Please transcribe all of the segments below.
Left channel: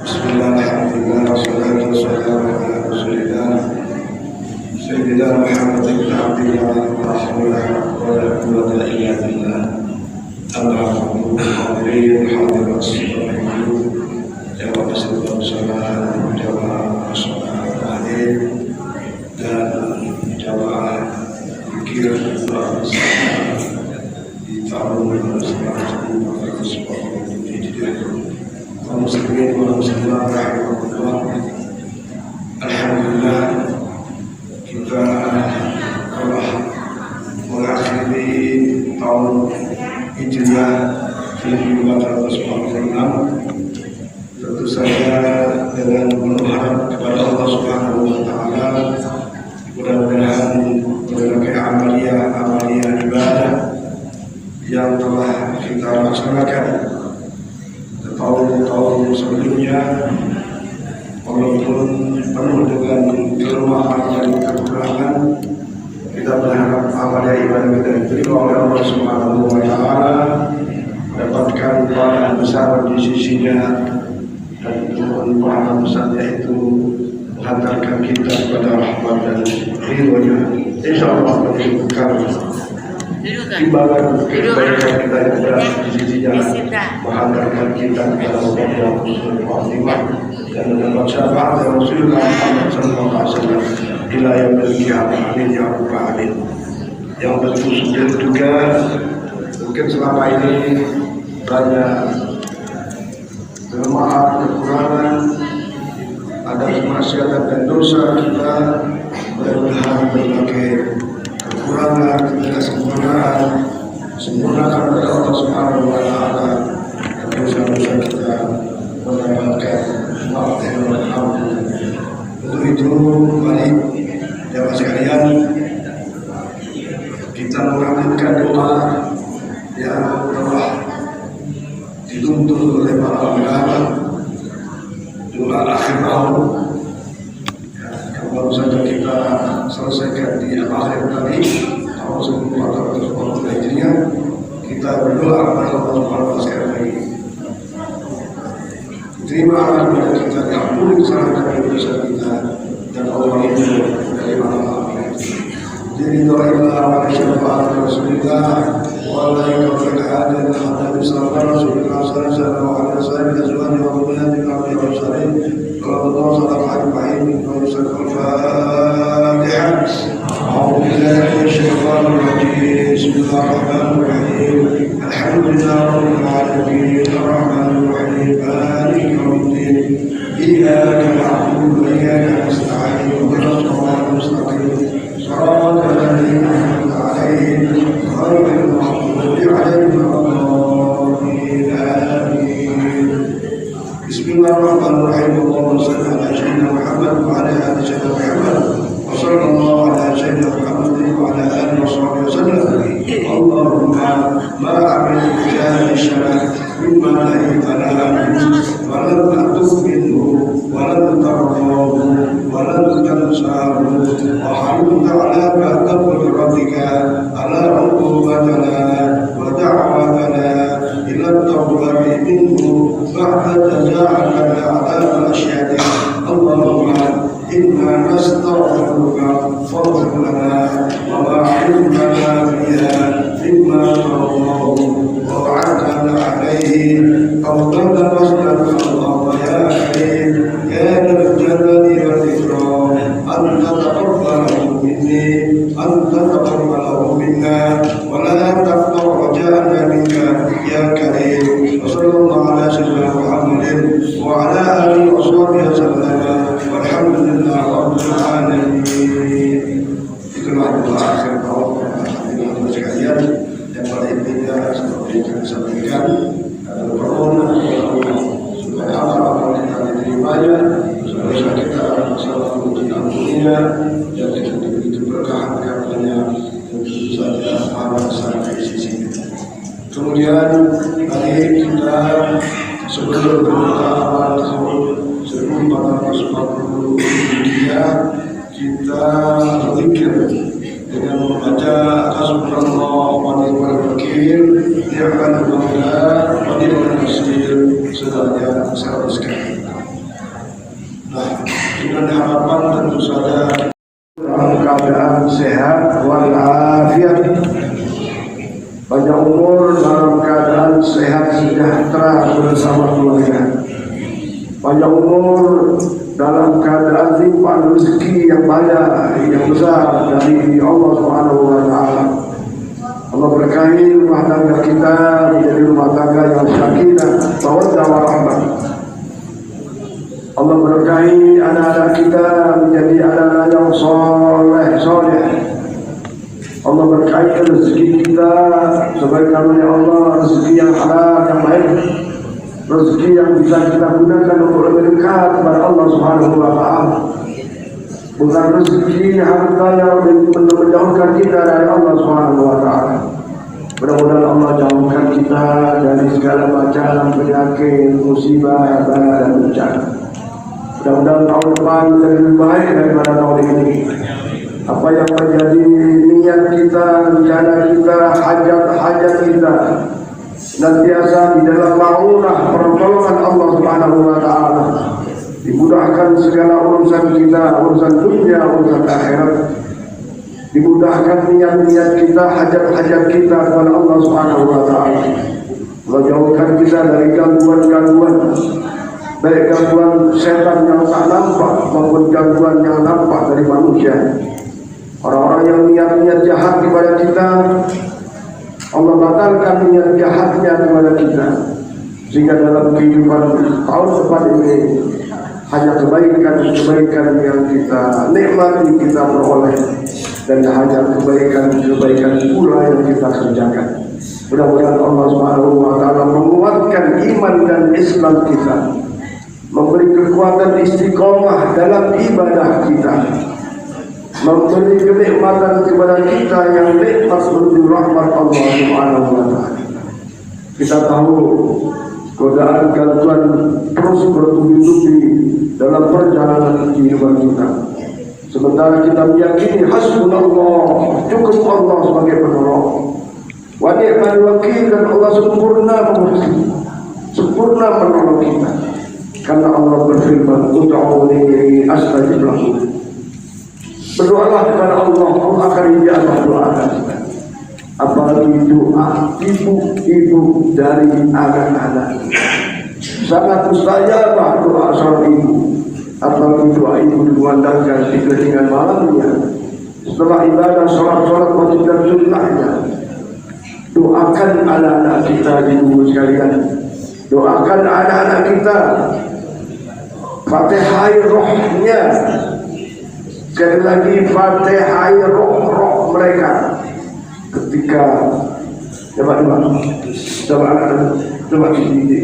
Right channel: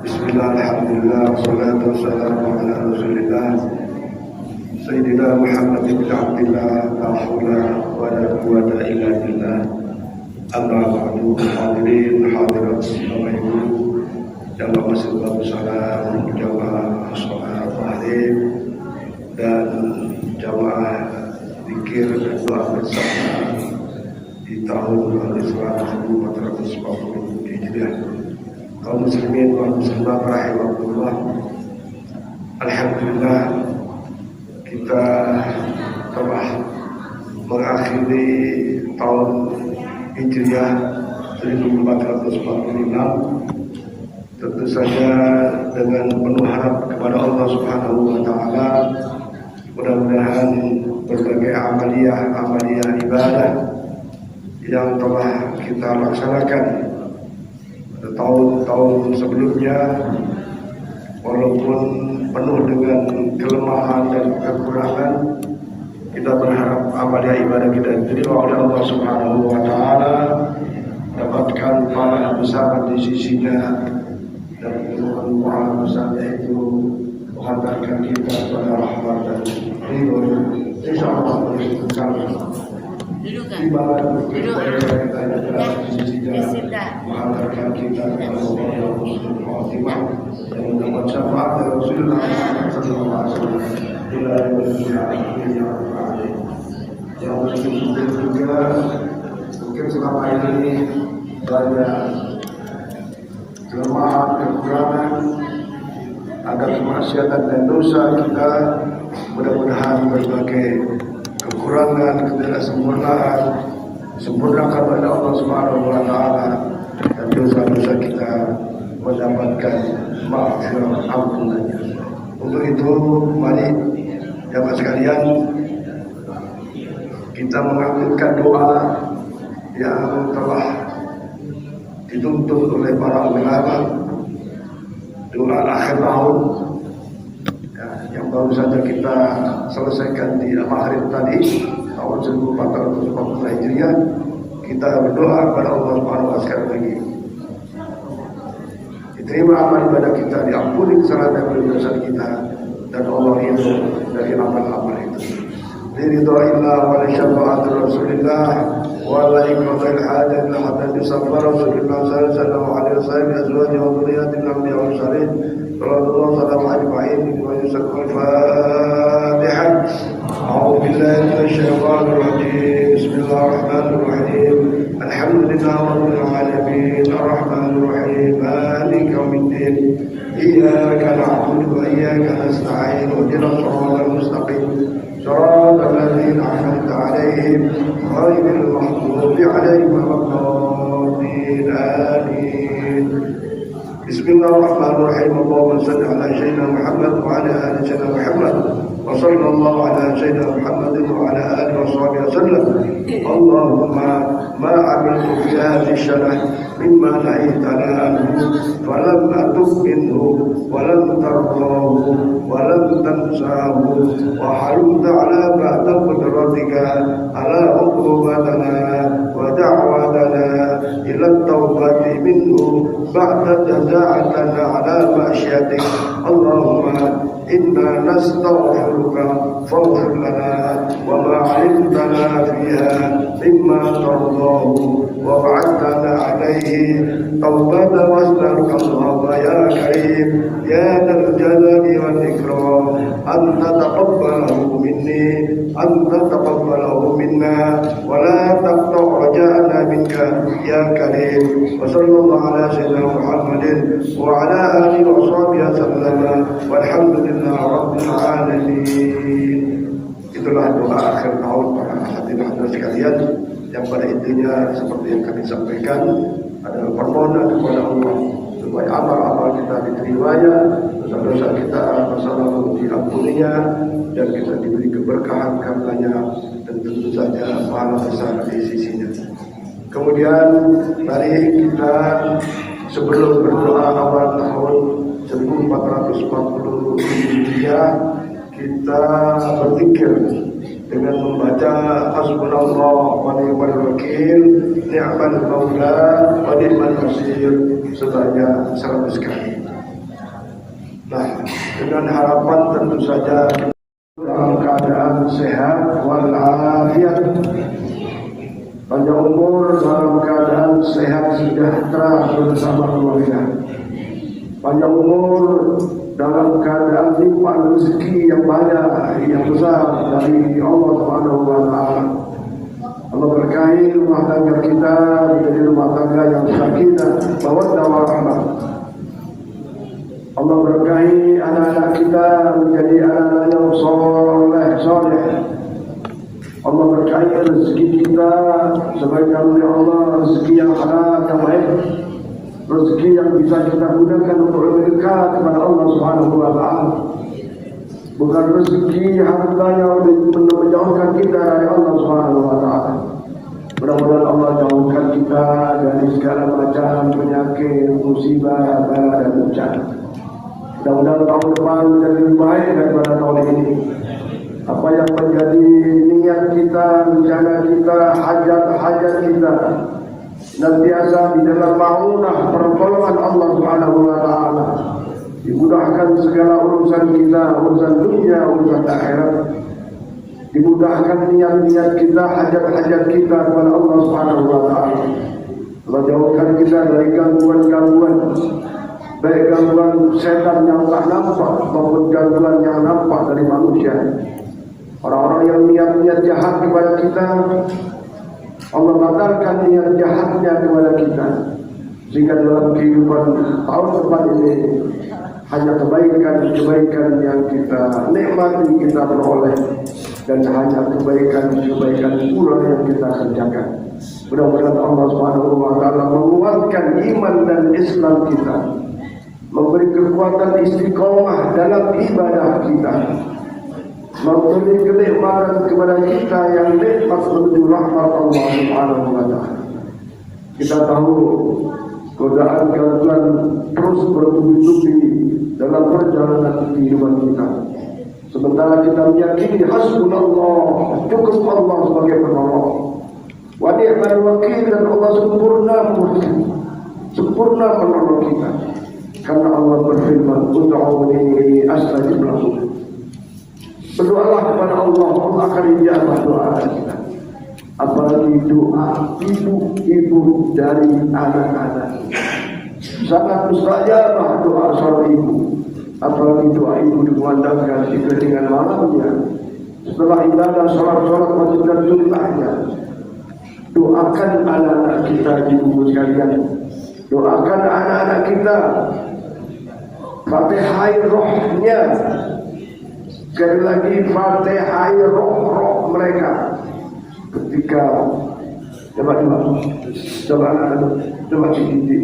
Bismillah, alhamdulillah, wassalatu wassalamu ala rasulillah Sayyidina Muhammad ibn Abdillah, la hawla wa la quwwata illa billah. Amma ba'du, hadirin hadirat sekalian, jamaah masjid Al-Salah, jamaah sholat tahajud dan jamaah zikir doa bersama di tahun 1440 Hijriah. Kaum muslimin wal muslimat rahimahullah, alhamdulillah kita telah mengakhiri tahun Hijriah 1446, tentu saja dengan penuh harap kepada Allah Subhanahu wa taala, mudah-mudahan berbagai amalia ibadah yang telah kita laksanakan tahun-tahun sebelumnya, walaupun penuh dengan kelemahan dan kekurangan, kita berharap amalia ibadah kita diterima oleh Allah Subhanahu wa taala, dapatkan pahala besar di sisinya, dan mohon pahala besarnya itu menghantarkan kita kepada rahmat dan ridhonya. Insyaallah berkah timbangan kebaikan kita yang ada di sisinya menghantarkan kita kepada Allah Subhanahu dan mendapat syafaat dari Rasulullah sallallahu alaihi wasallam ila yaumil qiyamah. Amin ya rabbal alamin. Yang tentu juga mungkin selama ini banyak kelemahan, kekurangan, ada kemaksiatan dan dosa kita. Mudah-mudahan berbagai kekurangan, ketidaksempurnaan sempurnakan oleh Allah Subhanahu wa taala, dan dosa-dosa kita mendapatkan maaf dan alhamdulillah. Untuk itu mari jamaah sekalian kita mengambilkan doa yang telah dituntut oleh para ulama, doa akhir tahun yang baru saja kita selesaikan di hari tadi, tahun 1440 Hijriah. Kita berdoa kepada Allah Subhanahu wa taala sekali lagi, diterima amal ibadah kita, diampuni kesalahan dan dosa kita, dan Allah itu dari amal itu. Diridhoillah wa syafaat Rasulillah wa la yuqtal hadan hatta bisabr Rasulullah sallallahu alaihi wasallam azwaj wa dhurriyyatin anbiya wa salihin. Sallallahu alaihi wa sallam. Al-Fatihah. A'udzu billahi minasy syaithanir rajim. Bismillahirrahmanirrahim. Alhamdulillahirabbil alamin. Arrahmanir rahim. Maliki yaumiddin. Iyyaka na'budu wa iyyaka nasta'in. Ihdinas siratal mustaqim. Shiratal ladzina an'amta 'alaihim ghairil maghdubi 'alaihim waladdallin. Amin. Bismillahirrahmanirrahim. Allahumma shalli ala sayyidina Muhammad wa ala ali sayyidina Muhammad wa sallallahu ala sayyidina Muhammad wa ala alihi wa sahbihi wasallam. Allahumma ma amiltu fi hadhihi syarah mimma nahitana anhu falam atub minhu walam tardahu walam tansahu wa harimta ala ba'da qudratika ala uqubatana wa da'watana ila tawbati minhu ba'da jazaa'atana ala ma'asyatik. Allahumma inna nastaghfiruka faghfir lana wa ma hrimtana fiha mimma tardahu wa wa'adna alayhi tawbatan wasdaka. Allahumma ya karim ya dzal jalali wal ikram anta taqabbalahu minni anta taqabbalahu minna wa la taqta' raja'ana minka ya karim. Wa sallallahu ala sayyidina Muhammadin wa ala alihi wa sahbihi wasallam walhamdulillah rabbil alamin. Itulah doa akhir tahun hadirin sekalian, yang pada intinya seperti yang kami sampaikan adalah permohonan kepada Allah supaya amal-amal kita diterima, dosa-dosa kita selalu diampuninya, dan kita diberi keberkahan karenanya, dan tentu saja pahala besar di sisinya. Kemudian mari kita sebelum berdoa awal tahun 1440 Hijriah, kita berzikir dengan membaca hasbunallah wa ni'mal wakil, ni'mal maula wa ni'mal nasir sebanyak 100 kali. dengan harapan tentu saja dalam keadaan sehat walafiat, panjang umur dalam keadaan sehat sejahtera bersama keluarga, panjang umur dalam keadaan limpah rezeki yang banyak yang besar dari Allah Subhanahu wa taala. Allah berkahi rumah tangga kita menjadi rumah tangga yang sakinah, mawaddah warahmah. Allah berkahi anak-anak kita menjadi anak-anak yang soleh. Allah berkahi rezeki kita sebagaimana oleh Allah, rezeki yang halal yang baik, rezeki yang bisa kita gunakan untuk lebih dekat kepada Allah Subhanahu wa taala. Bukan rezeki harta yang menjauhkan kita dari Allah Subhanahu wa taala. Mudah-mudahan Allah jauhkan kita dari segala macam penyakit, musibah, bala dan bencana. Mudah-mudahan tahun depan menjadi lebih baik daripada tahun ini. Apa yang menjadi niat kita, rencana kita, hajat-hajat kita senantiasa di dalam maunah pertolongan Allah Subhanahu wa taala. Dimudahkan segala urusan kita, urusan dunia, urusan akhirat. Dimudahkan niat-niat kita, hajat-hajat kita kepada Allah Subhanahu wa taala. Menjauhkan kita dari gangguan-gangguan, baik gangguan setan yang tak nampak maupun gangguan yang nampak dari manusia. Orang-orang yang niat-niat jahat kepada kita, Allah batalkan niat jahatnya kepada kita, sehingga dalam kehidupan tahun depan ini hanya kebaikan-kebaikan yang kita nikmati, kita peroleh, dan hanya kebaikan-kebaikan pula yang kita kerjakan. Mudah-mudahan Allah Subhanahu wa taala menguatkan iman dan Islam kita, memberi kekuatan istiqomah dalam ibadah kita, memberi kenikmatan kepada kita yang nikmat menuju rahmat Allah Subhanahu wa taala. Kita tahu godaan gangguan terus bertubi-tubi dalam perjalanan kehidupan kita. Sementara kita meyakini hasbunallah, cukup Allah sebagai penolong. Wa ni'mal wakil, dan Allah sempurna memberkati, sempurna menolong kita. Karena Allah berfirman, "Ud'uni astajib lakum." Berdoalah kepada Allah, Allah akan ijabah doa kita. Apalagi doa ibu-ibu dari anak-anak, sangat mustajabah doa seorang ibu. Apalagi doa ibu dikumandangkan di kelingan malamnya setelah ibadah sholat wajib dan sunnahnya. Doakan anak-anak kita ibu sekalian, doakan anak-anak kita, fatihai rohnya. Sekali lagi, fatihai roh mereka ketika coba ini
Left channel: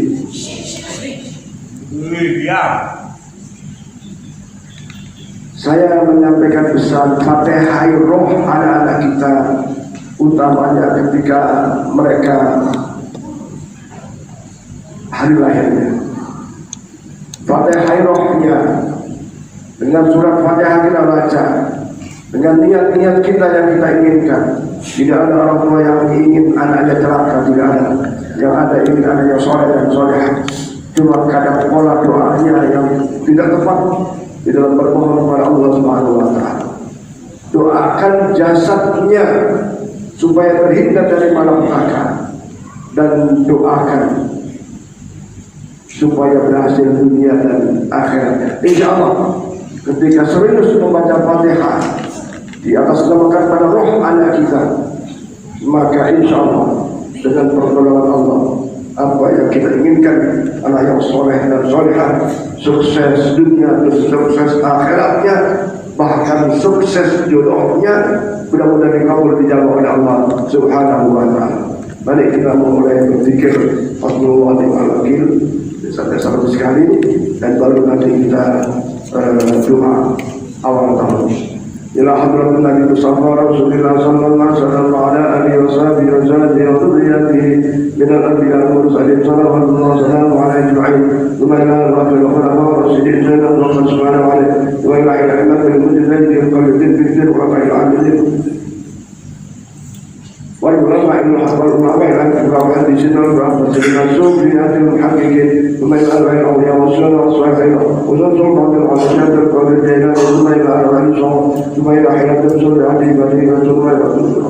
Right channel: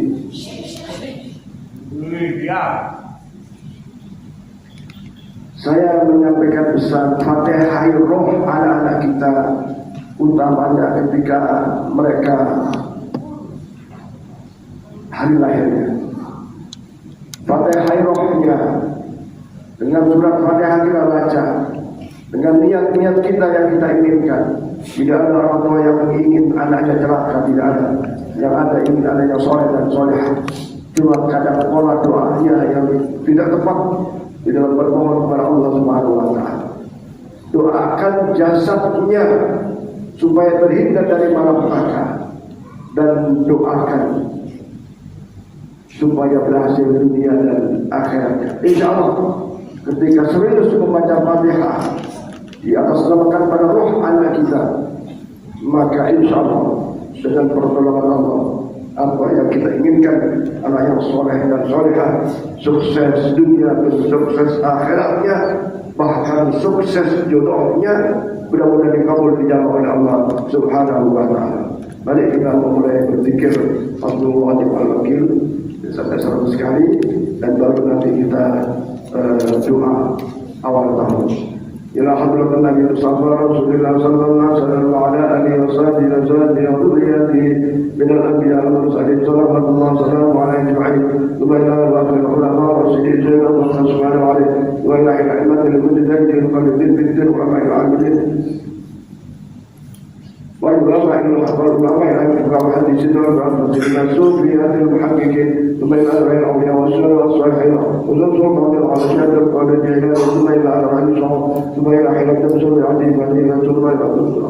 saya menyampaikan pesan fatihai roh anak-anak kita, utamanya ketika mereka hari lahirnya. Fatihai rohnya dengan surat Fatihah kita baca, dengan niat-niat kita yang kita inginkan. Tidak ada orang tua yang ingin anaknya celaka, tidak ada. Yang ada ingin anaknya soleh dan solehah. Cuma kadang pola doanya yang tidak tepat di dalam bermohon kepada Allah Subhanahu wa taala. Doakan jasadnya supaya terhindar dari malapetaka, dan doakan supaya berhasil dunia dan akhiratnya. Insyaallah ketika serius membaca Fatihah di atas namakan pada roh anak kita, maka insyaallah dengan pertolongan Allah, apa yang kita inginkan, anak yang soleh dan solehah, sukses dunia dan sukses akhiratnya, bahkan sukses jodohnya, mudah-mudahan dikabul dijawab oleh Allah Subhanahu wa taala. Mari kita mulai berzikir Fadlul Wadi Al-Wakil sampai 100 kali, dan baru nanti kita doa awal tahun. Ila hadratin Nabi Rasulullah sallallahu alaihi wasallam wa ala alihi wa sahbihi wa sallam wa dhurriyyatihi min al-anbiya wal mursalin sallallahu alaihi wasallam wa ala ajma'in. Wa ila al-khulafa ar-rasyidin sallallahu alaihi wa ila al-a'immatil mujtahidin qalbin bi wa ba'il al-'adil wa al-ulama al-hafal wa ba'il al-hadithin wal-rahmatin wa al-sufiyatil muhaqqiqin wa ila al-awliya والسنة والصحيحين وننصر بعض العشاء القادر الجيلاني ثم إلى الرئيس ثم إلى حياة بسر عدي بدينة ثم إلى نصر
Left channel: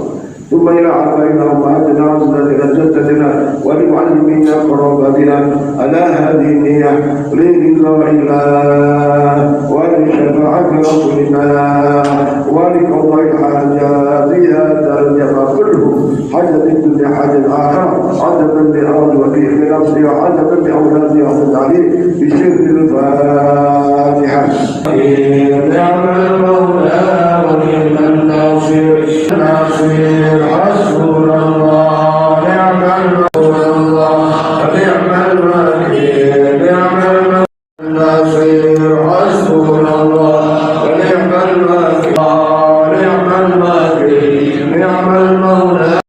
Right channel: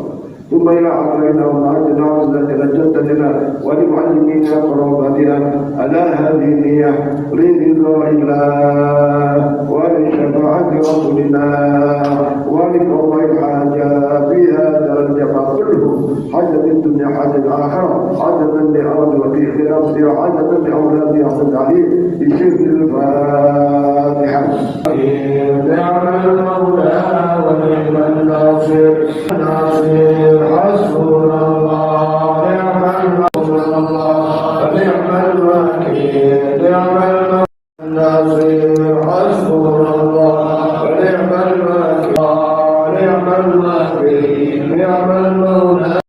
ثم إلى عبارنا ومعدنا وزدنا جدتنا ولمعلمينا قرابتنا على هذه النية لرضا الله ولشفاعة رسولنا ولقضاء الحاجات هذا الجمع كله حاجة الدنيا حاجة الآخرة حاجة لأرض وفيه لنفسي وحاجة لأولادي وحد عليه بشرك الفاتحة. نعم المولى ونعم الناصر حسبنا الله نعم المولى نعم الوكيل نعم الناصر حسبنا الله ونعم الوكيل نعم الوكيل نعم المولى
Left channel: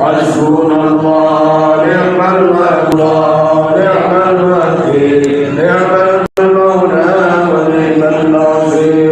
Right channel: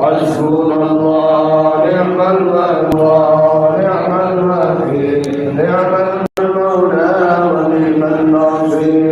حسبنا الله نعم الوكيل نعم الوكيل نعم المولى ونعم الناصر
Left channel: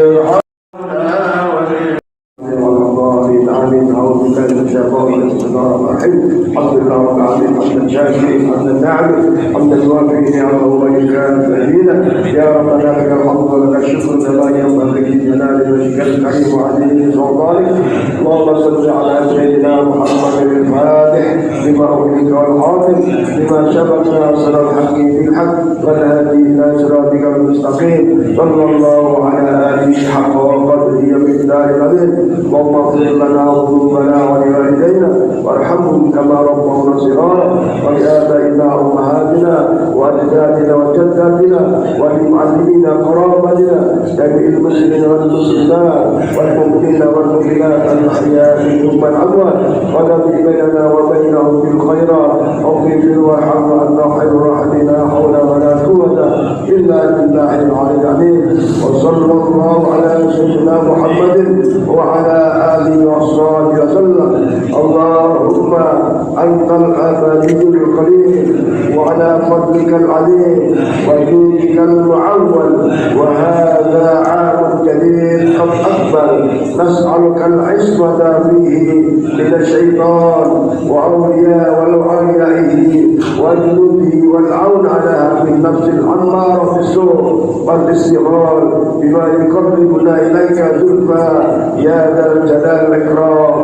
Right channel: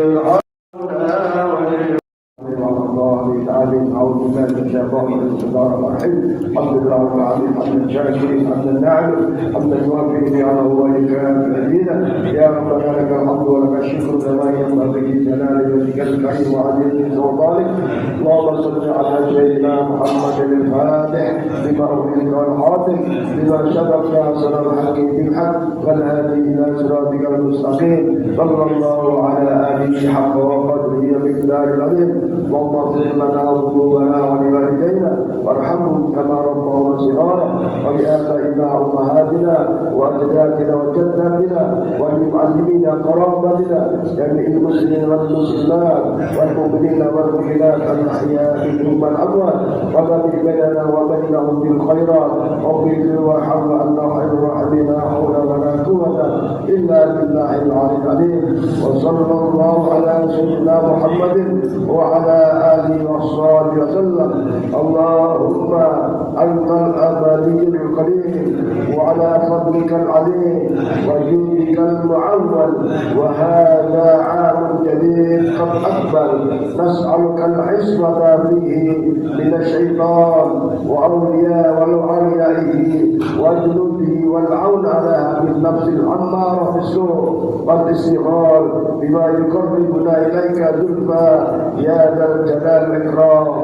الحمد لله رب العالمين حمدا شاكرا حمدا نعمه حمدا يوافي نعمه ويكافئ فضيلته يا ربنا لك الحمد ولك الشكر كما ينبغي لجلال وجهك الكريم وعظيم سلطانك. اللهم صل على سيدنا محمد الفاتح لما أغلق والخاتم لما سبق ناصر الحق بالحق والهادي إلى صراطك المستقيم صلى الله على آله حق وقدره ومقداره العظيم. اللهم اغفر لنا وذنوبنا ولوالدينا وارحمهم كما ربونا صغارا ولآبائنا وأمهاتنا وأجدادنا وجداتنا ولمعلمينا قرابتنا جميع المسلمين والمسلمات والمؤمنين والمؤمنات الأحياء منهم والأموات ونبي بيننا وبينهم بالخيرات واغفر وارحم وأنت خير الراحمين لا حول ولا قوة إلا بالله العلي العظيم. وصلى الله على سيدنا محمد وعلى آله وصحبه وسلم. اللهم أنت الأبدي الكريم وعلى فضلك العظيم وجودك المعول وهذا عام جديد قد أقبل نسألك العصمة فيه من الشيطان وأولياء وأوليائه وجنوده والعون على هذه النفس الأمارة بالسوء والاستغلال بما يقربنا إليك زلفى يا ذا الجلال والإكرام.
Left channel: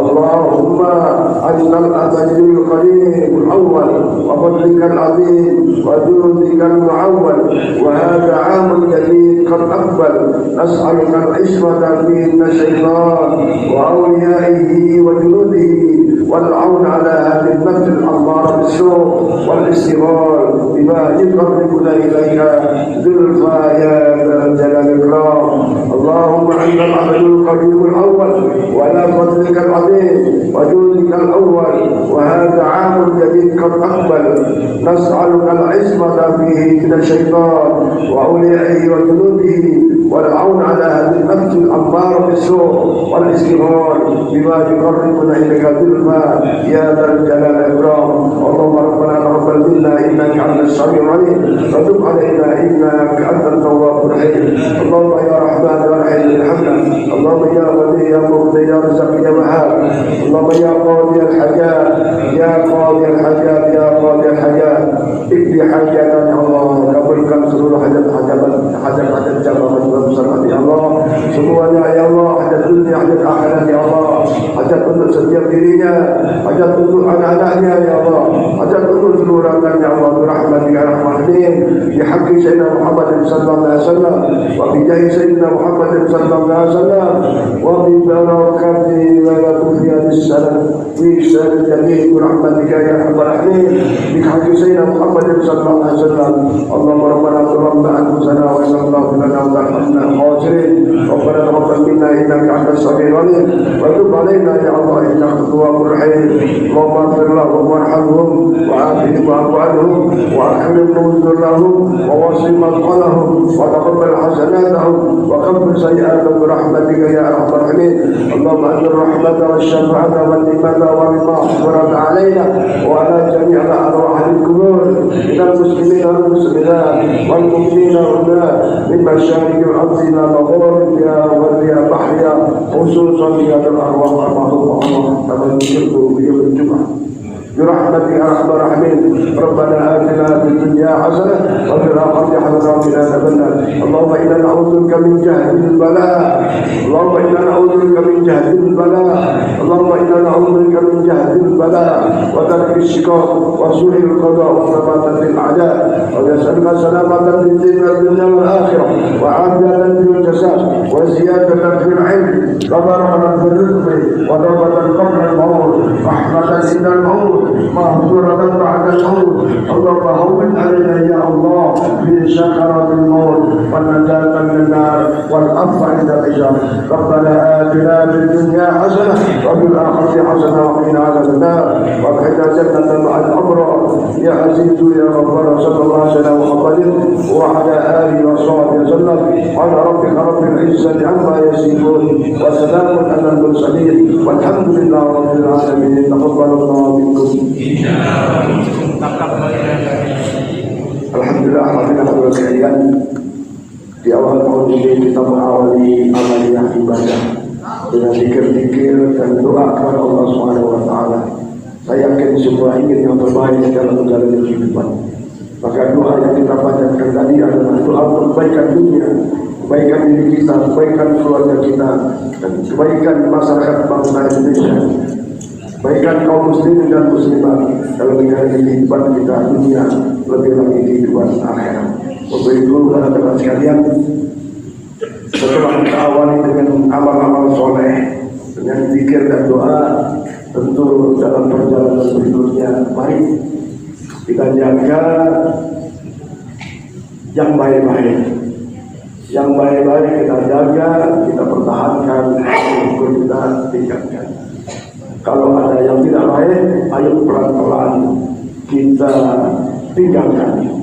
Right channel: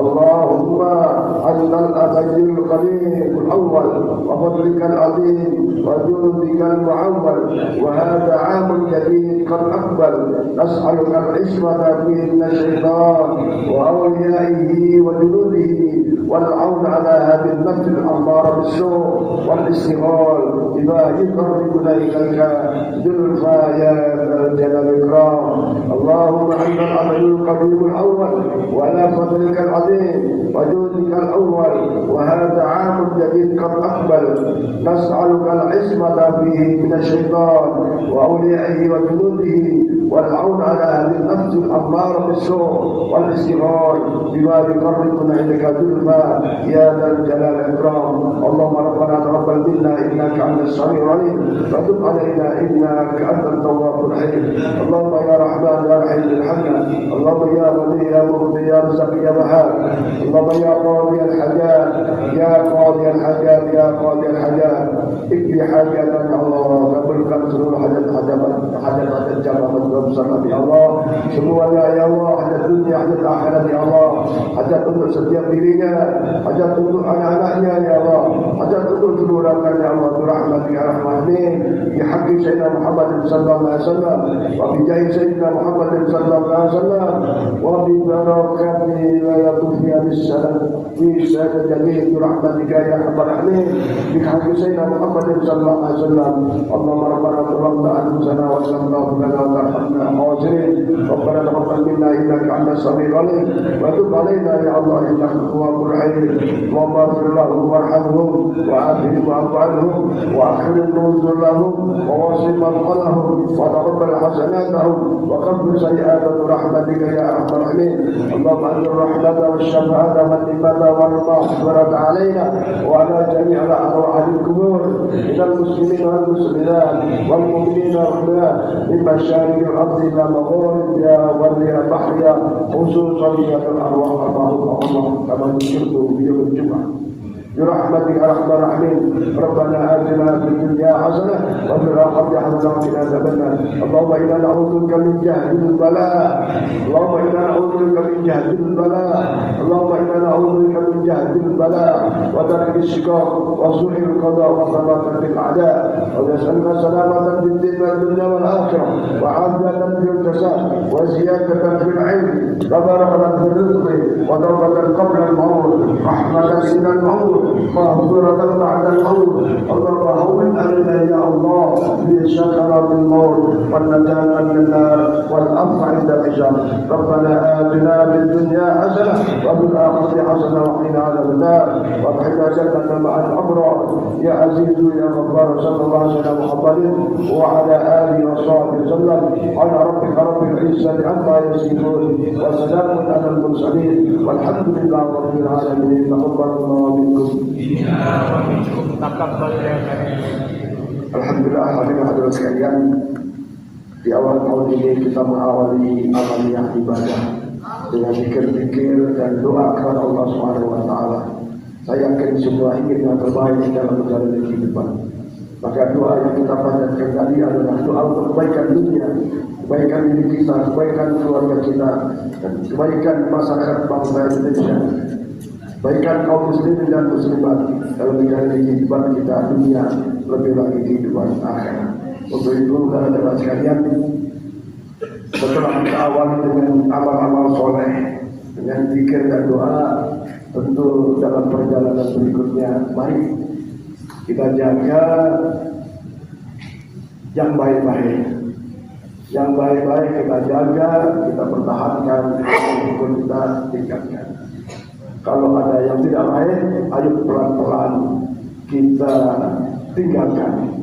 اللهم أنت الأبدي القديم الأول وفضلك العظيم وجودك المعول وهذا عام جديد قد أقبل نسألك العصمة فيه من الشيطان وأوليائه وجنوده والعون على هذه النفس الأمارة بالسوء والاستغلال بما يقربنا إليك زلفى يا ذا الجلال والإكرام. اللهم أنت العبد القديم الأول وعلى فضلك العظيم وجودك الأول وهذا عام جديد قد أقبل نسألك العصمة فيه من الشيطان وأوليائه وجنوده والعون على هذه النفس الأمارة بالسوء والاستغفار بما يقربنا إليك زلفى يا ذا الجلال والإكرام. اللهم ربنا تقبل منا إنك أنت السميع العليم وتب علينا إنك أنت التواب الرحيم. اللهم يا رحمن يا رحيم ارحمنا. اللهم يا ولي يا مغني يا رزاق يا وهاب. اللهم يا قاضي الحاجات يا قاضي الحاجات يا قاضي الحاجات اقضي حاجاتنا يا الله. kabulkan seluruh hajat jamaah besar ya Allah. Semuanya ya Allah, hajat dunia, hajat akhirat ya Allah, hajat untuk setiap dirinya, hajat untuk anak-anaknya ya Allah, hajat untuk seluruh rakyat ya Allah. Rahmat ya rahmatin bi haqqi sayyidina Muhammad sallallahu alaihi wasallam wa bi jahi sayyidina Muhammad sallallahu alaihi wasallam wa bi barakati wa yatufi as-salam fi sirri jami'i rahmatika ya arhamar rahimin bi haqqi sayyidina Muhammad sallallahu alaihi wasallam. Allahumma rabbana taqabbal anfusana wa sallallahu lana wa tarhamna khasirin. Rabbana taqabbal minna innaka antas samiul alim wa tub alaina ya Allah innaka antat tawwabur rahim. Allahumma ighfir lahum warhamhum wa'afihim wa'fu anhum wa akrim nuzulahum wa wasi madkhalahum wa taqabbal hasanatahum wa kaffir sayyi'atahum bi rahmatika ya arhamar rahimin. Allahumma anzil rahmata wasyafa'ata wal imata wal maghfirata alaina wa ala jami'il arwahil qubur minal muslimin wal muslimat wal mu'minina wal mu'minat min masyariqil ardi ila magharibiha wa barriha bahriha khususan ya arwah al-mahfuz Allah kama yuridu bi yawmil jum'ah. برحمتك يا ارحم الراحمين. ربنا آتنا في الدنيا حسنة وفي الآخرة حسنة وقنا عذاب النار. اللهم إنا نعوذ بك من جهد البلاء، اللهم إنا نعوذ بك من جهد البلاء، اللهم إنا نعوذ بك من جهد البلاء وترك الشقاق وسوء القضاء وشماتة الأعداء، ونسألك سلامة في الدين والدنيا والآخرة وعافية في الجسد وزيادة في العلم وبركة في الرزق وتوبة قبل الموت رحمة عند الموت مغفرة بعد الموت. اللهم هون علينا يا الله في سكرات الموت والنجاة من النار والعفو عند الحساب. ربنا آتنا في الدنيا حسنة وفي الآخرة حسنة وقنا عذاب النار وادخلنا جنة مع الأبرار يا عزيز يا غفار. صلى الله عليه وسلم محمد وعلى آله وصحبه وسلم وعلى ربك رب العزة عما يصفون وسلام على المرسلين والحمد لله رب العالمين. تقبل الله منكم. Alhamdulillah, hadirin sekalian, di awal tahun ini kita mengawali amaliyah ibadah dengan zikir-zikir dan doa kepada Allah Subhanahu wa taala. Saya yakin semua ingin yang terbaik dalam menjalani kehidupan. Maka doa yang kita panjatkan tadi adalah doa kebaikan dunia, kebaikan diri kita, kebaikan keluarga kita, dan kebaikan masyarakat bangsa Indonesia, kebaikan kaum muslimin dan muslimat dalam menjalani kehidupan kita dunia, lebih lagi kehidupan akhirat. Untuk itu, teman-teman sekalian, setelah kita awali dengan amal-amal soleh, dengan zikir dan doa, tentu dalam perjalanan berikutnya, mari kita jaga yang baik-baik. Yang baik-baik kita jaga, kita pertahankan, kita tingkatkan. Kalau ada yang tidak baik, ayo pelan-pelan kita tinggalkan.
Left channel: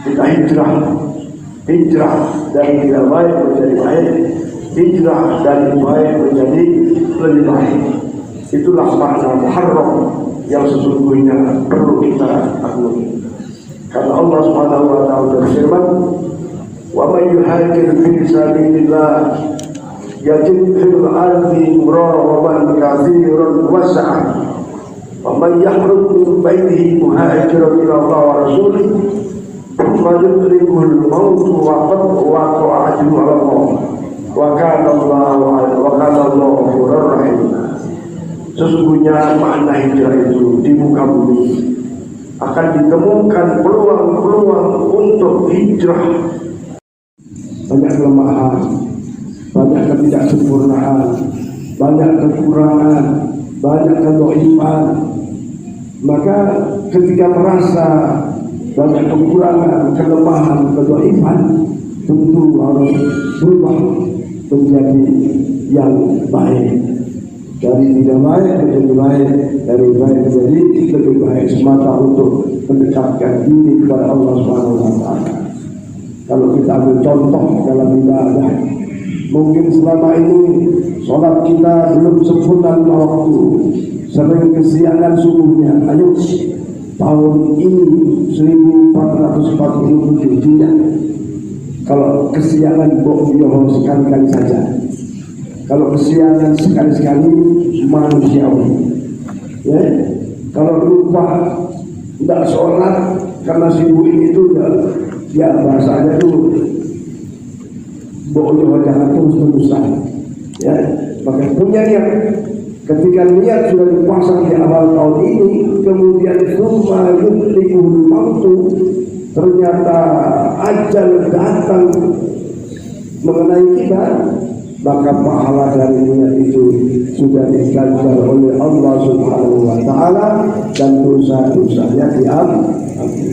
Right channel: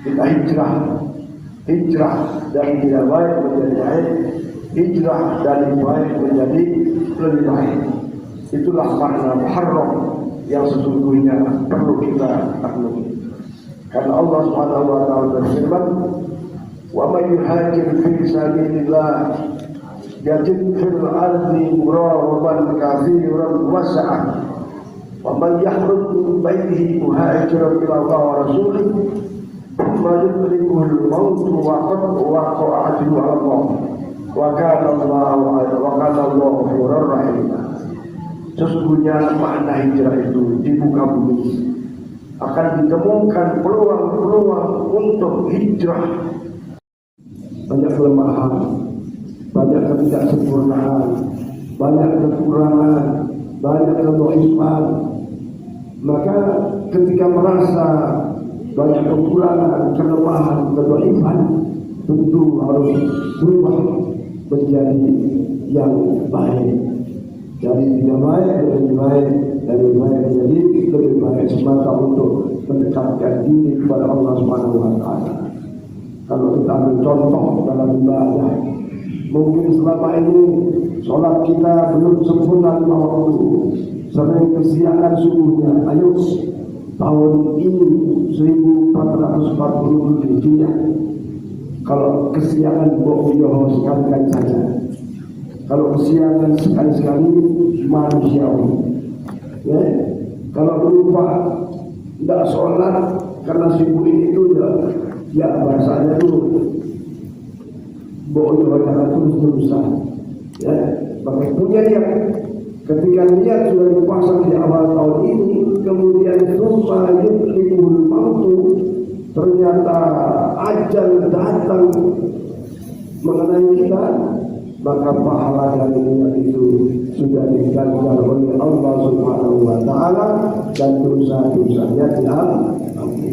Kita hijrah dari tidak baik menjadi baik, hijrah dari baik menjadi lebih baik. Itulah makna muharram yang sesungguhnya perlu kita penuhi. Karena Allah Subhanahu wa taala berfirman, "Wa may yuhajir fi sabilillah yajid fil ardi muraghamaban katsiran was'ah wa man yakhruj min baitihi muhajiran ila Allah wa rasulihi thumma yudrikuhul maut wa qad waqa'a ajruhu 'ala Allah wa kana Allahu ghafurur rahim." Sesungguhnya makna hijrah itu di muka bumi akan ditemukan peluang-peluang untuk hijrah. Banyak kelemahan, banyak ketidaksempurnaan, banyak kekurangan, banyak kedhaifan. Maka ketika merasa banyak kekurangan, kelemahan, kedhaifan, tentu harus berubah menjadi yang baik. Dari tidak baik menjadi baik, dari baik menjadi lebih baik, semata untuk mendekatkan diri kepada Allah Subhanahu wa taala. Kalau kita ambil contoh dalam ibadah, mungkin selama ini sholat kita belum sempurna 5 waktu, sering kesiangan subuhnya. Ayo tahun ini 1447 Hijriah, kalau kesiangan bohong sekali-kali saja. Kalau kesiangan sekali-sekali manusiawi, ya. Kalau lupa tidak sholat karena sibuk itu ya bahasanya tuh bohong jangan terus-terusan, ya. Maka punya niat. Ketika niat sudah dipasang di awal tahun ini, kemudian summa yudrikuhul mautu, ternyata ajal datang mengenai kita, maka pahala dari niat itu sudah diganjar oleh Allah Subhanahu wa taala dan dosa-dosanya diampuni.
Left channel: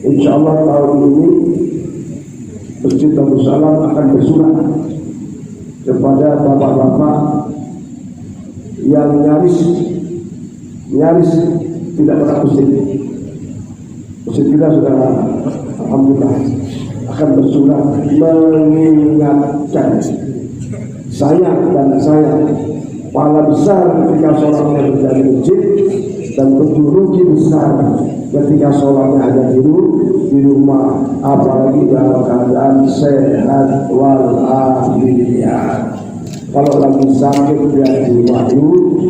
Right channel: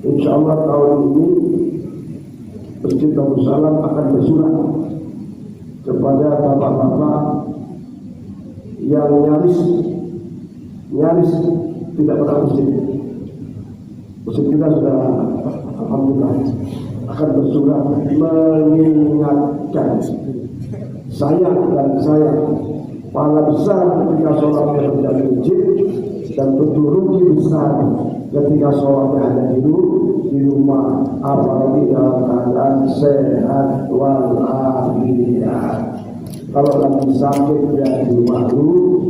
Insyaallah tahun ini Masjid Darussalam akan bersurat kepada bapak-bapak yang nyaris tidak pernah masjid. Masjid kita sudah alhamdulillah akan bersurat mengingatkan saya pahala besar ketika sholatnya berada di masjid, dan tentu rugi besar ketika sholatnya hanya di rumah, apalagi dalam keadaan sehat walafiat. Kalau lagi sakit dia di rumah dulu,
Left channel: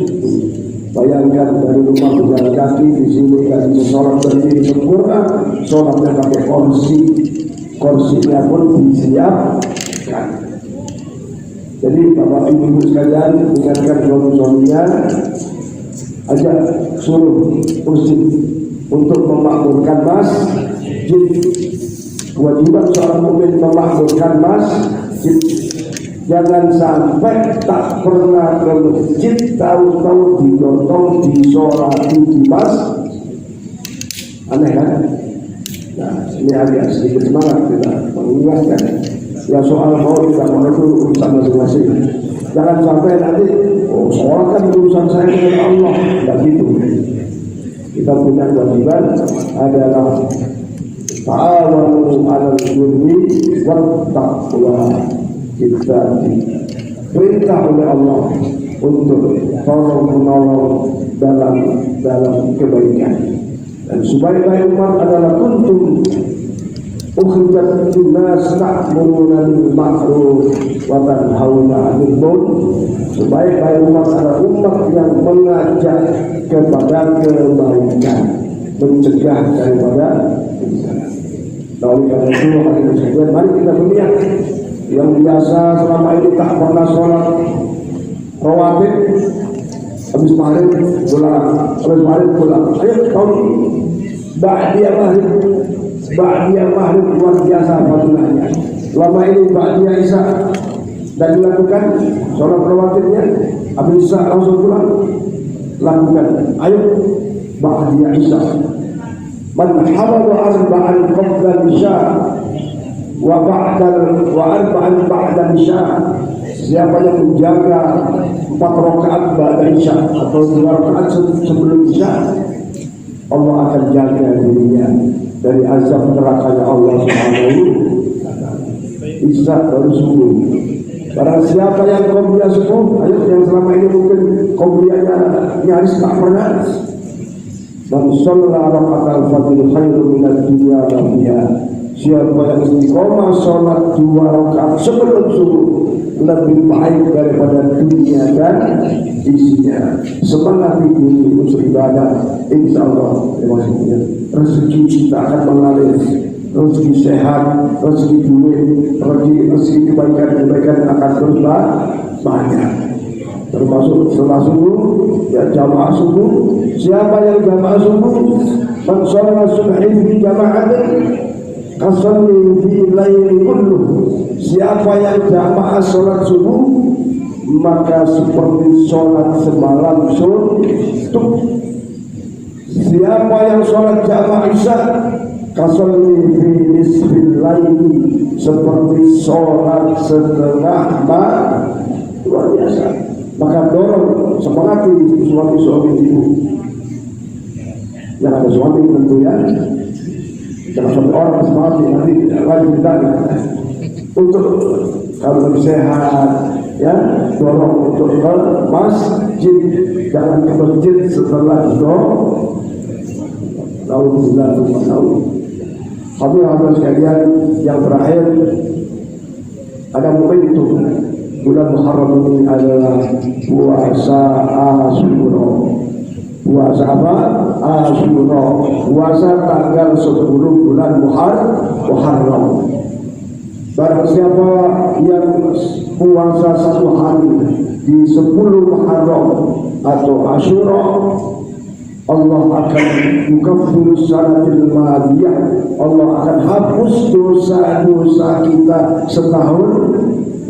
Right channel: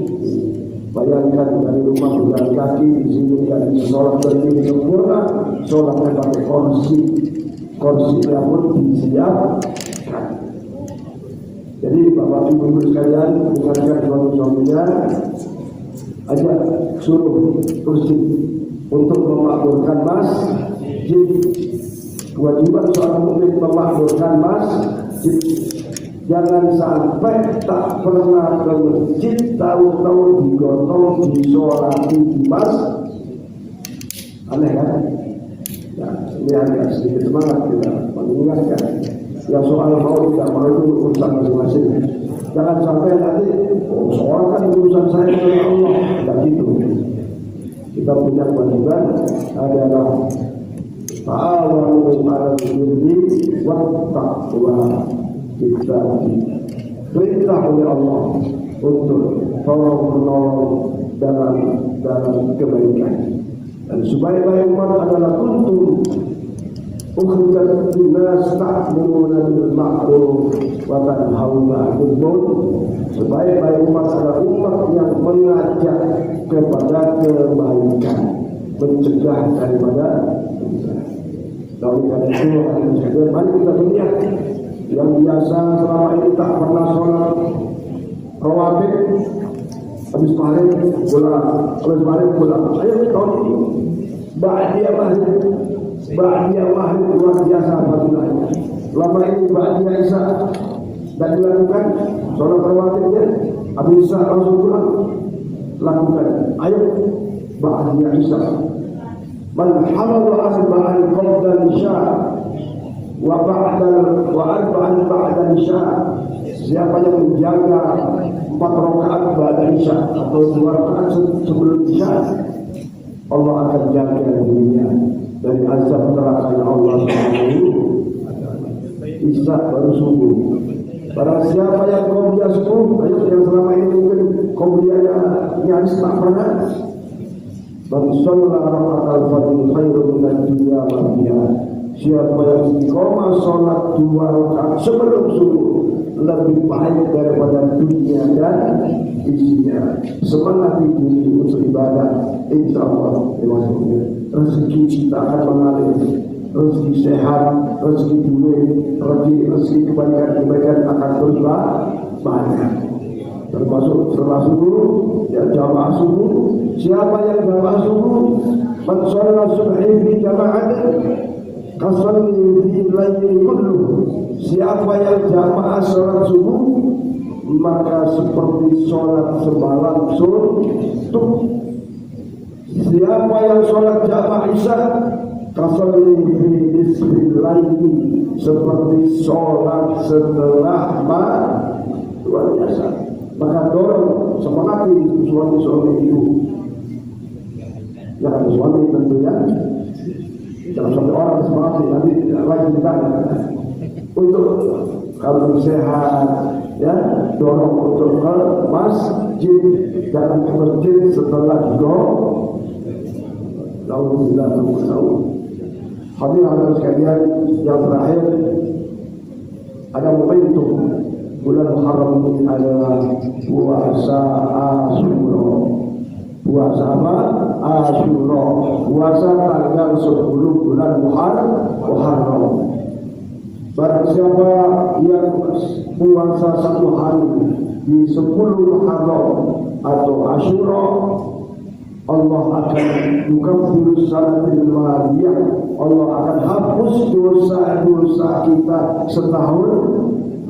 Bayangkan dari rumah berjalan kaki di sini nggak bisa sholat berdiri sempurna, sholatnya pakai kursinya pun disiapkan. Jadi bapak ibu sekalian, ingatkan suami-suaminya, ajak suruh kursi untuk memakmurkan masjid. Kewajiban seorang mukmin memakmurkan masjid. Jangan sampai tak pernah ke masjid, tahu-tahu digotong, disolati di masjid. Aneh kan? Nah, ini agak sedikit semangat kita mengingatkan. Yang soal mau tidak mau itu urusan masing-masing. Jangan sampai nanti, oh soal kan urusan saya dengan Allah. Tidak gitu. Kita punya kewajiban adalah ta'awanu 'alal birri wat taqwa. Kita diperintah oleh Allah untuk tolong menolong dalam kebaikan. Dan sebaik-baik umat adalah kuntum ukhrijat linnas ta'muruna bil ma'ruf wa tanhauna 'anil munkar. Sebaik-baik umat adalah umat yang mengajak kepada kebaikan, mencegah daripada kerusakan. Nah, oleh karena itu, mari kita lihat yang biasa selama ini tak pernah sholat rawatib, habis maghrib pulang, ayo tahun ini ba'diyah maghrib luar biasa fadilahnya. Selama ini ba'diyah isya dan dilakukan sholat rawatibnya, habis isya langsung pulang lakukan. Ayo ba'diyah isya, man hafadha arba'an qabla isya wa arba'an ba'da isya. Siapa yang menjaga 4 rakaat ba'da isya atau 2 rakaat sebelum isya, Allah akan jaga dirinya dari azab neraka Allah Subhanahu. Isya baru subuh. Barang siapa yang qobliyah 10, ayo yang selama ini mungkin qobliyahnya nyaris tak pernah. Man shalla raka'atal fajr khairun minad dunya ma fiha. Siapa yang istiqomah sholat 2 rakaat sebelum subuh lebih baik daripada dunia dan isinya. Semangat ini unsur ibadah, insya Allah maksudnya rezeki kita akan mengalir, rezeki sehat, rezeki duit, rezeki kebaikan akan terus banyak. Termasuk setelah subuh, ya jamaah subuh. Siapa yang jamaah subuh, man shalla subhi fi jama'atin kasalli fi laili kulluh. Siapa yang jamaah sholat subuh, maka seperti sholat semalam suntuk. Siapa yang sholat jamaah isya, kasalli fi nisfil laili, seperti sholat setengah malam. Luar biasa. Maka dorong semangati suami-suami ibu yang ada suami tentunya. Jangan sampai orang semangat nanti wajib tanya untuk kalau sehat, ya dorong untuk ke masjid, jangan ke masjid setelah itu. Alhamdulillah. Hadirin sekalian, yang terakhir ada momentum bulan Muharram ini adalah puasa Asyura. Puasa apa? Asyura. Puasa tanggal 10 bulan Muharram. Barang siapa yang puasa 1 hari di 10 Muharram atau Asyura, Allah akan yukaffiru sanatil madiyah. Allah akan hapus dosa-dosa kita setahun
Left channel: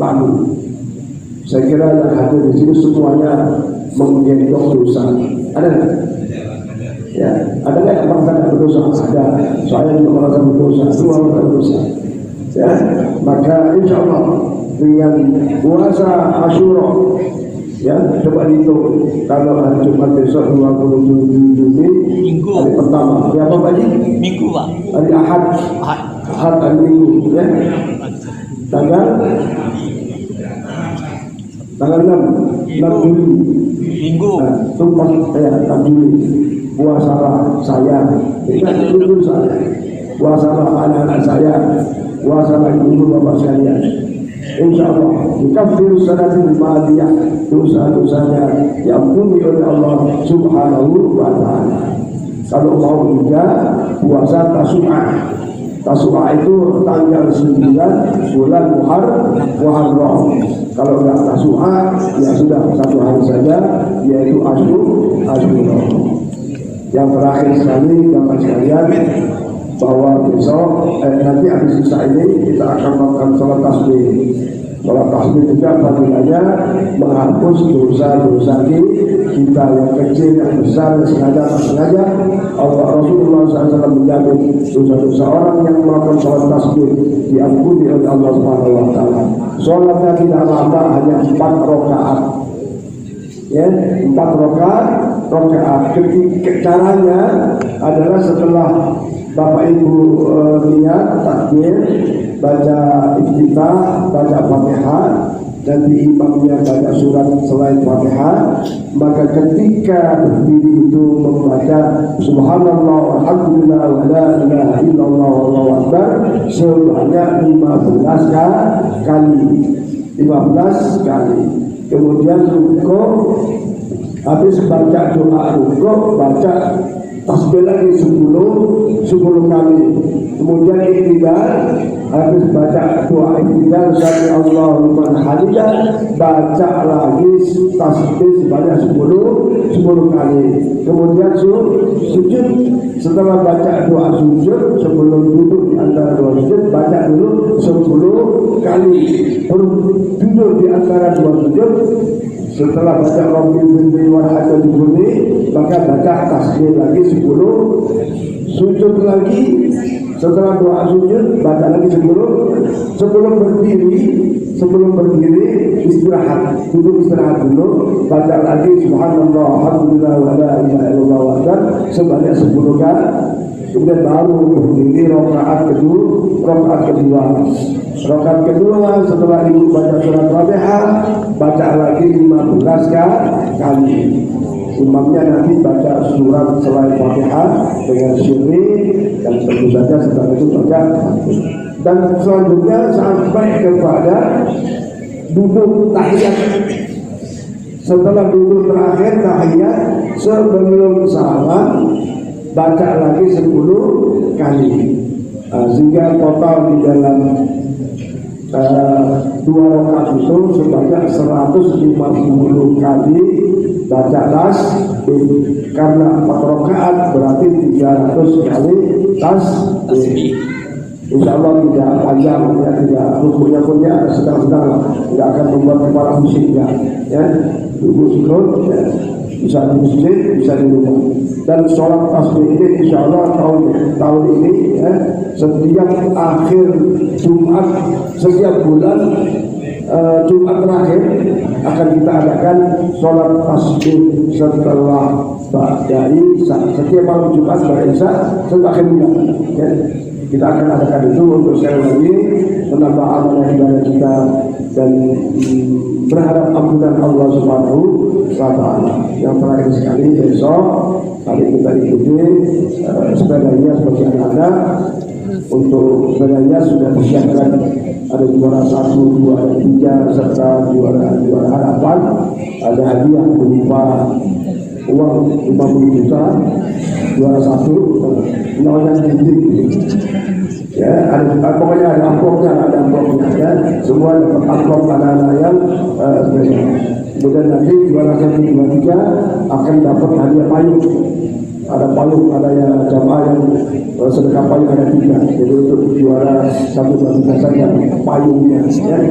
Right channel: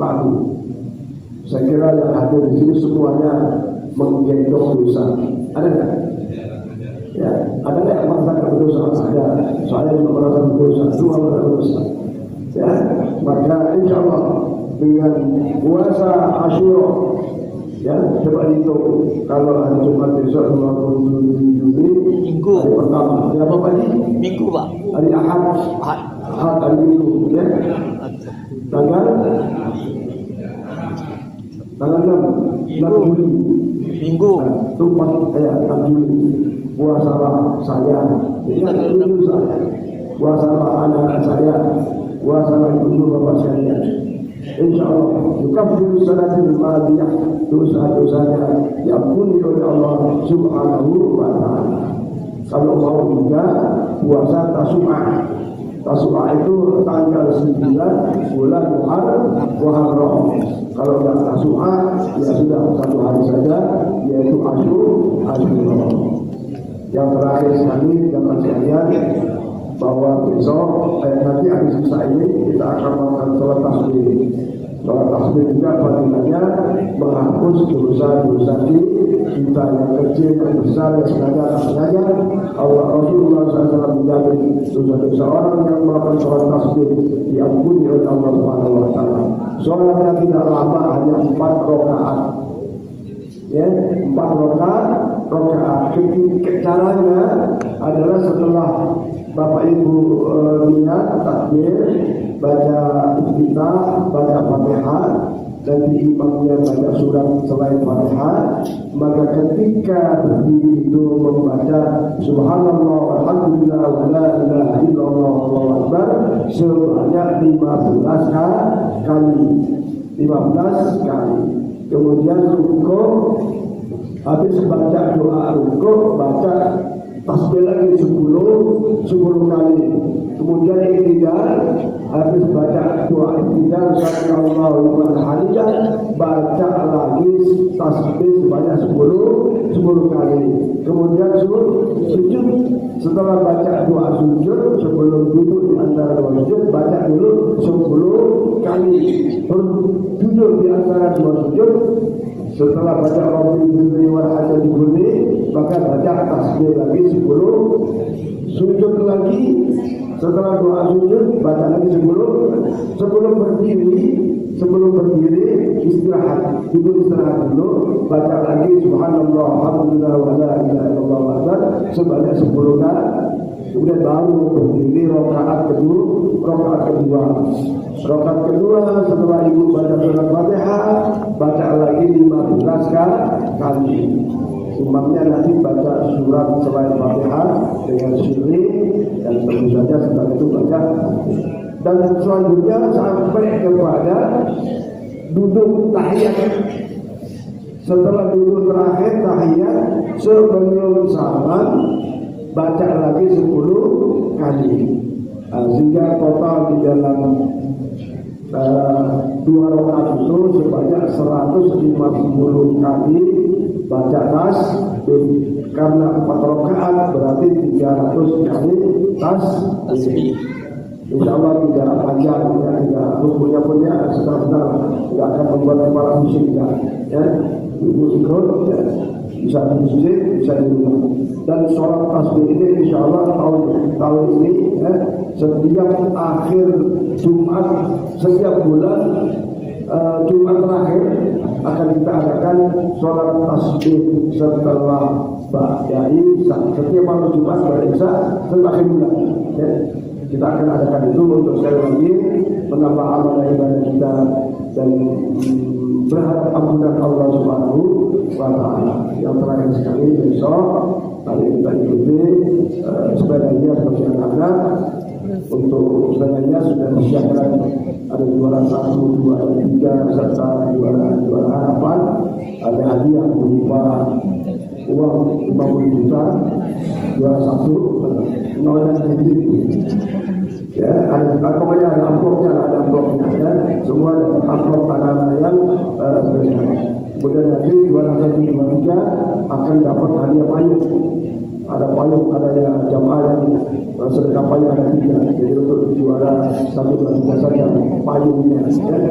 lalu. Saya kira yang hadir di sini semuanya menggendong dosa. Ada nggak? Ya, ada nggak yang merasa berdosa? Ada. Saya juga merasa berdosa. Semua merasa berdosa. Ya, maka insya Allah dengan puasa Asyura, ya coba dihitung. Kalau hari Jumat besok 27 Juni, hari pertama. Ya apa tadi? Minggu Pak. Hari Ahad. Hari Minggu. Ya. Tanggal 6 Juli Minggu. Tumpah ya 6 Juli. Puasalah saya. Ingat itu saya. Puasalah anak-anak saya. Puasalah ibu bapak sekalian. insyaallah yukaffiru sanatil madiyah, dosa-dosanya diampuni oleh Allah Subhanahu wa taala. Kalau mau juga puasa Tasu'ah. Tasu'ah itu tanggal 9 bulan Muharram. Kalau enggak Tasu'ah ya sudah satu hari saja, yaitu Asyura. Yang terakhir sekali Bapak sekalian, bahwa besok nanti habis Isya ini kita akan melakukan sholat tasbih. Sholat tasbih juga fadilahnya menghapus dosa-dosa kita yang kecil, yang besar, yang sengaja, tak sengaja. Allah Rasulullah SAW menjamin dosa-dosa orang yang melakukan sholat tasbih diampuni oleh Allah Subhanahu wa taala. Sholatnya tidak lama, hanya 4 rakaat. Ya, 4 rakaat. Ketika caranya adalah setelah Bapak Ibu niat takbir, baca iftitah, baca Fatihah, nanti imamnya baca surat selain Fatihah, maka ketika berdiri itu membaca Subhanallah walhamdulillah wa la ilaha illallah wallahu akbar sebanyak 15 kali. 15 kali. Kemudian rukuk, habis baca doa rukuk, baca tasbih lagi 10 kali. Kemudian iktidal, habis baca doa iktidal sami Allahu liman hamidah, baca lagi tasbih sebanyak 10 kali. Kemudian sujud, setelah baca doa sujud, sebelum duduk di antara dua sujud, baca dulu 10 kali. Duduk di antara dua sujud, setelah baca Rabbil Birri wal Hadid, maka baca tasbih lagi 10, sujud lagi, setelah doa sujud baca lagi 10. Sebelum berdiri istirahat, duduk istirahat dulu, baca lagi Subhanallah alhamdulillah wa la ilaha illallah wa akbar sebanyak 10 kali. Kemudian baru berdiri rakaat kedua. Rakaat kedua setelah ibu baca surat Fatihah, baca lagi 15 kali. Imamnya nanti baca surat selain Fatihah dengan syirri, dan tentu saja setelah itu baca. Dan selanjutnya sampai kepada duduk tahiyat. Setelah duduk terakhir tahiyat, sebelum salam baca lagi 10 kali. Sehingga total di dalam 2 rakaat itu sebanyak 150 kali baca tasbih. Karena 4 rakaat berarti 300 kali tasbih. Insya Allah tidak panjang, ya, tidak rukuknya pun ya sedang-sedang, tidak akan membuat kepala pusing ya. Ibu syukur ya. Bisa di masjid, bisa di rumah. Dan sholat tasbih ini insya Allah tahun ini ya, setiap akhir Jumat, setiap bulan Jumat terakhir akan kita adakan sholat tasbih setelah Ba'da Isya. Setiap malam Jumat Ba'da Isya setelah akhir bulan ya. Kita akan adakan itu untuk sekali lagi menambah amal ibadah kita dan berharap ampunan Allah Subhanahu wa taala. Yang terakhir sekali besok kali kita ikuti sebenarnya seperti anak-anak. Untuk sebenarnya sudah disiapkan, ada juara 1, 2, dan 3 serta juara harapan. Ada hadiah berupa uang 50 juta, juara 1, 0 dan titik. Ya, pokoknya ada amplopnya ya. Semua dapat amplop anak-anak yang kemudian nanti juara 1, 2, 3 akan dapat hadiah payung. Ada payung, ada jamaah yang sedekah payung ada 3. Jadi untuk juara 1, 2, 3 saja payungnya ya.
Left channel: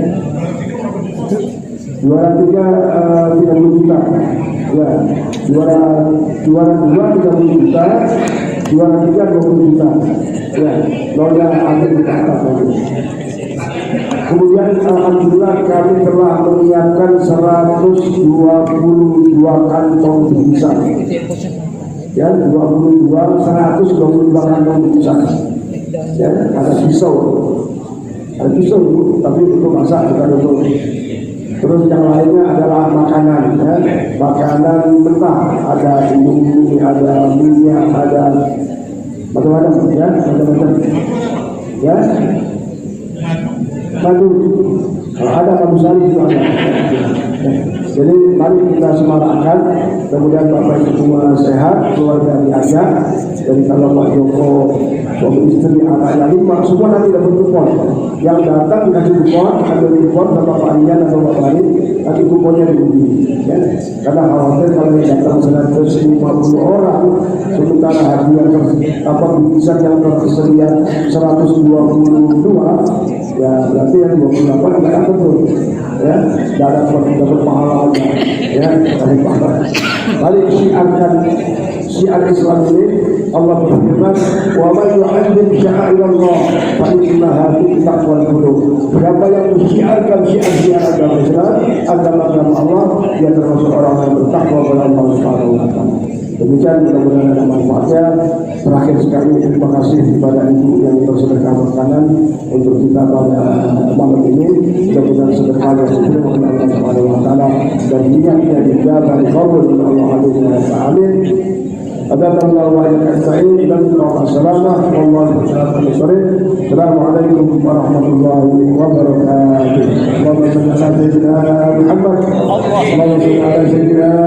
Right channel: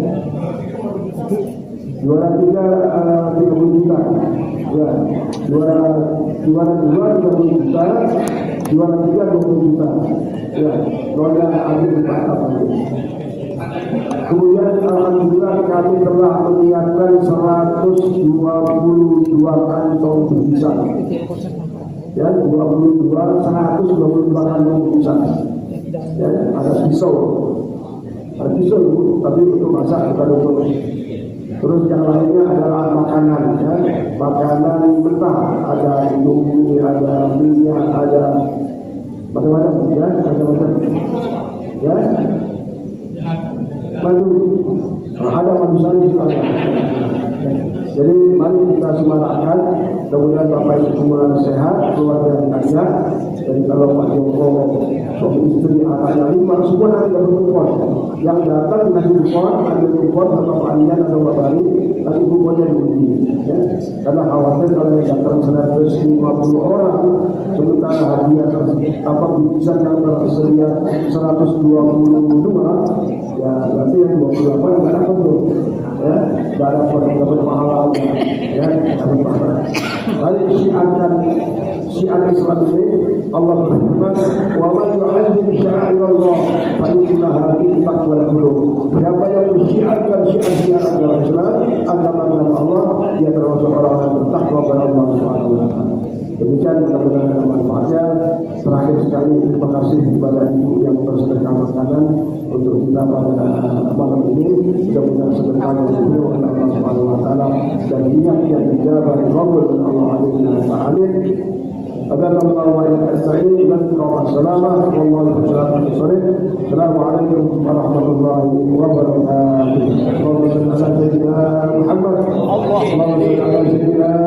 Juara 3 30 juta. Ya. Juara 2 30 juta. Juara 3 20 juta. Ya, boleh ambil di atas lagi. Kemudian alhamdulillah kami telah menyiapkan 122 kantong bisa. Ya, 122 kantong bisa. Ya, ada pisau. Ada pisau, tapi untuk masak bukan untuk. Terus yang lainnya adalah makanan, ya. Makanan mentah, ada indomie, ada minyak, ada macam-macam, ya, macam-macam, ya. madu. Ada madu sari itu ada. Jadi mari kita semangatkan, kemudian Bapak Ibu semua sehat, keluarga diajak, dan kalau Pak Joko suami istri anaknya 5 semua nanti dapat kupon. Yang datang dikasih kupon, ada kupon sama Pak Ian atau Pak lain, nanti kuponnya diundi. Ya. Karena khawatir kalau yang datang 150 orang, sementara hadiah bisa yang tersedia 122, ya berarti yang 28 nggak dapat tuh. Ya, tidak dapat pahala, ya, dapat pahala. Balik syiar Islam ini, Allah berfirman, wa man yu'azzim sya'airallah fa innaha min taqwal qulub. Siapa yang mensyiarkan syiar agama Islam, agama Allah, dia termasuk orang yang bertakwa kepada Allah Subhanahu wa taala. Demikian mudah-mudahan ada manfaatnya. Terakhir sekali terima kasih kepada ibu yang bersedekah makanan untuk kita pada malam ini. Mudah-mudahan sedekahnya sesuai dengan Allah Subhanahu wa taala dan niatnya dijabah dikabul oleh Allah Amin. Adallahu wa iyyakum sa'in ila al-salamah wallahu ta'ala bisari. Assalamualaikum warahmatullahi wabarakatuh. Allahumma salli ala sayyidina Muhammad. Allahumma salli ala sayyidina